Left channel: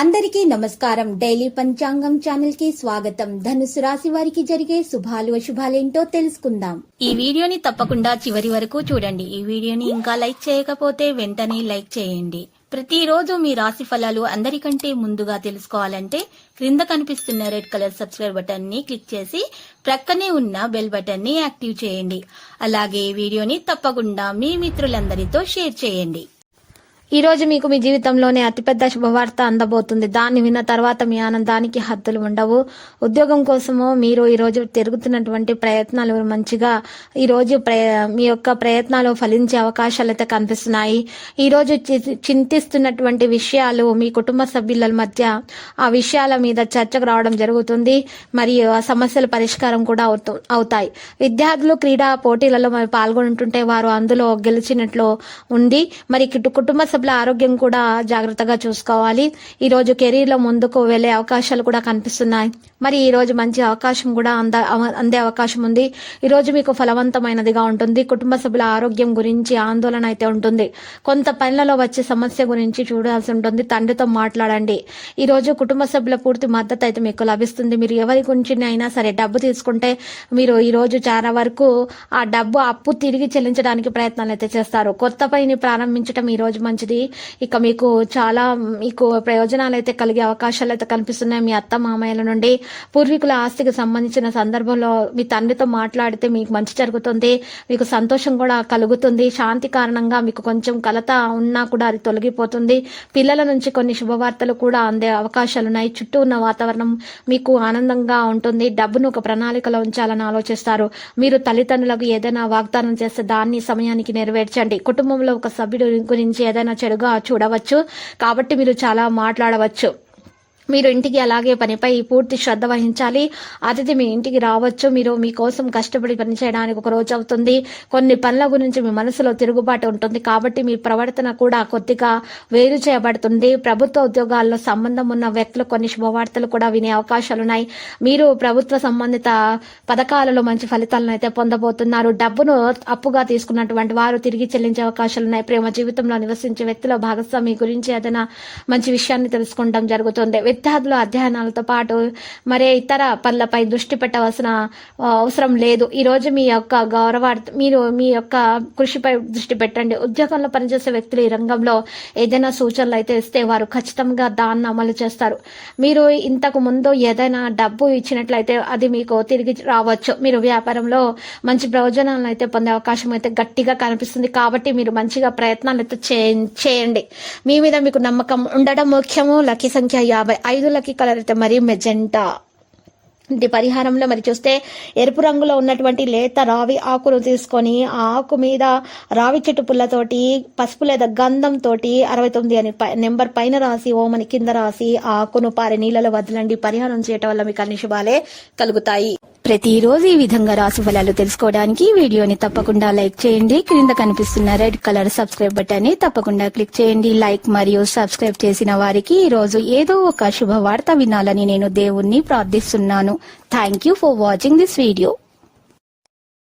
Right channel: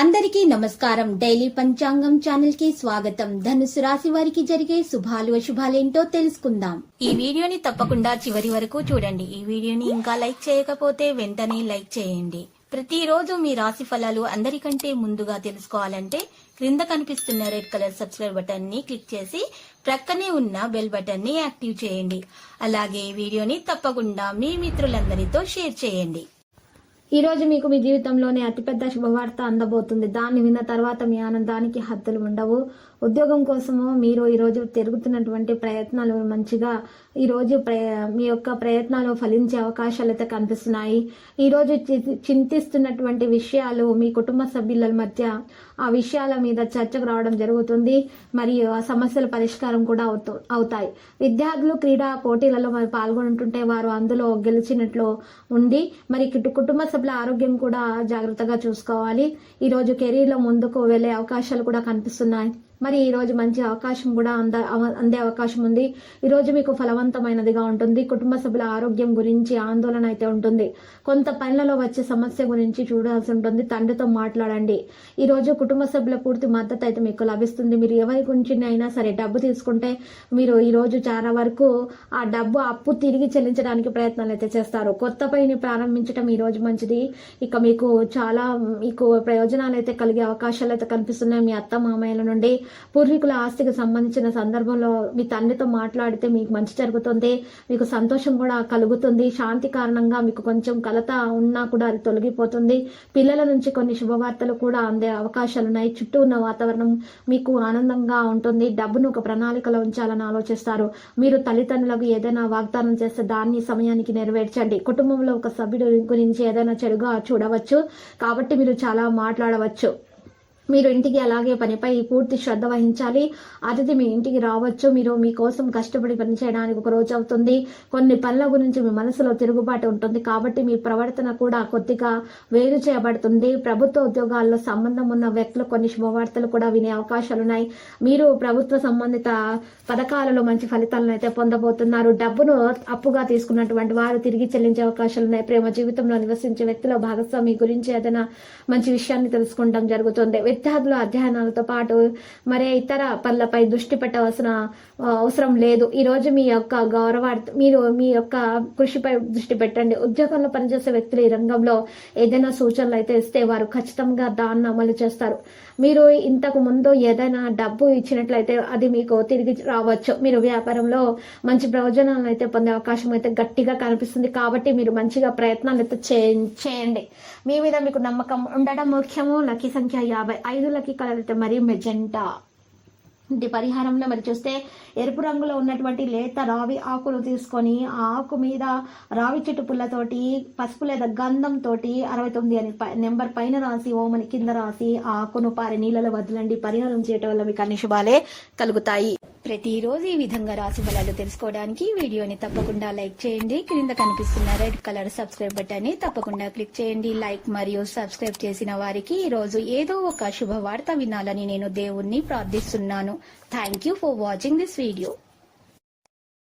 అందరికీ నమస్కారం. డైలీ పంచాంగం ఛానల్ కి స్వాగతం. ధనుసు రాశి వారికి జరిగే శుభాలు అశుభాలేంటో తెలుసుకుందాం. ఈ వీడియోని తప్పకుండా చివరి వరకు చూడండి. ఈ వీడియోని ఇంకా లైక్ చేయకపోతే వెంటనే లైక్ చేయండి. ప్రతిరోజు మీ రాశి ఫలాలు అందరికంటే ముందుగా తెలుసుకోవాలంటే క్రింద కనిపిస్తున్న రెడ్ కలర్ సబ్స్క్రైబ్ బటన్ ని క్లిక్ చేసి ప్రక్కనే ఉన్న బెల్ బటన్ ని యాక్టివ్ చేయండి. అలాగే వీడియోని తప్పకుండా మీ మిత్రులందరితో షేర్ చేయండి. ఈ రోజు మీకు మీ జీవితంలోనే అతిపెద్ద శుభవార్త అందబోతుంది. దాన్ని విన్న తర్వాత మీ ఆనందానికి హద్దులు ఉండవు. ఉద్యోగం కోసము మీరు ఈ రోజు తిరుగుతున్నటువంటి ప్రయత్నాలు మంచిగా ఈ రోజు మీ యొక్క ప్రయత్నాలు ఫలించే అవకాశాలు అయితే కనిపిస్తున్నాయి. ఈ రోజు చింతిస్తున్నటువంటి విషయాలు మీ కుటుంబ సభ్యుల మధ్య ఆ విషయాల మీద చర్చకు రావడం జరుగుతుంది. మరియు ఆ సమస్యల పరిష్కారం కూడా అవుతాయి. విద్యార్థులు క్రీడా పోటీలలో పాల్గొంటుంటే వారు అందులో గెలిచినట్లు ఉంది. మరి కుటుంబ సభ్యుల ఆరోగ్యం కూడా జాగ్రత్తగా చూసుకోవాలి. ఈ రోజు కెరీర్ లో ముందుకు వెళ్లే అవకాశాలు కూడా కనిపిస్తున్నాయి. మరి ఈ రోజు మంచి అవకాశం కూడా అందే అవకాశం ఉంది. ఈ రోజు మీకు ఫలవంతమైనదిగా ఉంటుంది. కుటుంబ సభ్యుల ఆరోగ్యం గురించి ఆందోళన అయితే ఉంటుంది. కొంత పనులలో వచ్చే సమస్య గురించి చూడాల్సి ఉంటుంది. తండ్రితో మాట్లాడండి. ఈ రోజు కుటుంబ సభ్యుల పూర్తి మద్దతు అయితే మీకు లభిస్తుంది. మీరు ఎవరి గురించి అయినా సరే డబ్బు తీసుకుంటే మీరు ఈ రోజు చాలా వరకు ఆ డబ్బు అప్పు తిరిగి చెల్లించడానికి ప్రయత్నాలు అయితే చేస్తారు. కొత్త పనిని ప్రారంభించడం ఈ రోజు మంచిది. ఇక మీకు ప్రయోజనాలు అయితే కలిగే అవకాశాలు అయితే కనిపిస్తున్నాయి. మీ అత్త మామయ్యల నుండి పూర్వీకుల ఆస్తికి సంబంధించిన సందర్భంలో మీ తండ్రితో మాట్లాడితే మీకు మంచి జరుగుతుంది. మీకు సంతోషం కూడా కలుగుతుంది. శాంతి కారణంగా మీకు కొంచెం కలత ఉన్నా కూడా అది తొలగిపోతుంది. పిల్లల నుంచి కొన్ని శుభవార్తలు కూడా అందే అవకాశాలు ఉన్నాయి. చుట్టూ ఉన్న వాతావరణం మీకు ఆనందంగా ఉంటుంది. డబ్బును ఒక ప్రణాళికలో ఉంచాలని ఆలోచిస్తారు. మీరు తల్లిదండ్రులకు ఏదైనా వాగ్దానం చేస్తే దాన్ని సమయానికి నెరవేర్చండి. కుటుంబంలో ఒక సభ్యుడి గురించి ఏదైనా చెడుగా చూడవచ్చు కాబట్టి మీరు చాలా మాట్లాడవచ్చు. మీరు ఇంటికి అలాగే పనిపై పూర్తి శ్రద్ధ వహించాలి. అతిథి మీ ఇంటికి రావచ్చు. మీరు మీకోసం కష్టపడి పనిచేయడానికి ఒక రోజు అవుతుంది. కొన్ని పనుల గురించి మీ మనసులో తిరుగుబాటు ఉంటుంది కాబట్టి మీ ప్రవర్తన కూడా కొద్దిగా వేరు చేయబడుతుంది. ప్రభుత్వ ఉద్యోగాల్లో సంబంధం ఉన్న వ్యక్తులు కొన్ని శుభవార్తలు కూడా వినే అవకాశాలున్నాయి. మీరు ప్రభుత్వ సంబంధిత పథకాలలో మంచి ఫలితాలను అయితే పొందబోతున్నారు. డబ్బును అప్పుగా తీసుకున్నటువంటి వారు తిరిగి చెల్లించే అవకాశాలున్నాయి. ప్రేమ జీవితంలో నివసించే వ్యక్తుల భాగస్వామి గురించి ఏదైనా మంచి విషయాన్ని తెలుసుకోవడం జరుగుతుంది. విద్యార్థుల అధ్యయనాలతో పాటు మరే ఇతర పనులపై దృష్టి పెట్టవలసిన అవసరం లేదు. ఈ రోజు మీ యొక్క కృషిపై దృష్టి పెట్టండి. ఉద్యోగంలో పనిచేసే వ్యక్తులు ఈ రంగంలో ఏదైనా సూచనలు అయితే ఇస్తే వారు ఖచ్చితంగా దాన్ని అమలు చేస్తారు. మీరు ఇంతకు ముందు ఏదైనా డబ్బు ఇచ్చినట్లయితే అది మీకు తిరిగి రావచ్చు. మీరు వ్యాపారంలో మంచి ప్రయోజనాలను అయితే పొందే అవకాశం అయితే గట్టిగా కనిపిస్తుంది కాబట్టి మీరు మంచిగా ప్రయత్నాలు అయితే చేయండి. మీ మీద మీకు నమ్మకం ఉండడం ముఖ్యము. లక్కీ సంఖ్య 50. 5 లక్కీ కలర్ అయితే మరి మెజెంటా. ఇంటి పరిహారంలో మరి చూస్తే ఎరుపు రంగులో ఉన్నటువంటి లేత రావి ఆకును తీసుకొని ఆ ఆకు మీద రావి చెట్టు పుల్లతోటి పసుపు లేదా గంధంతో 69 అని నెంబర్ పైన రాసి ఓమని కింద రాసి ఆ ఆకును పారే నీళ్ళలో వదలండి. పరిహారం చేయటం వల్ల మీకు అన్ని శుభాలే కలుగుతాయి. ప్రతిరోజు ఈ విధంగా రాశి ఫలాలు తెలుసుకోవడానికి వీడియోని తప్పకుండా లైక్ చేయండి. క్రింద కనిపిస్తున్న రెడ్ కలర్ సబ్స్క్రైబ్ బటన్ ని తప్పకుండా క్లిక్ చేయండి. లైక్ మరియు సబ్స్క్రైబ్ చేసిన వారికి ఈ రోజు ఏదో ఒక శుభవార్త వినాలని నేను దేవుణ్ణి ప్రార్థిస్తున్నాను. Thank you for watching this video.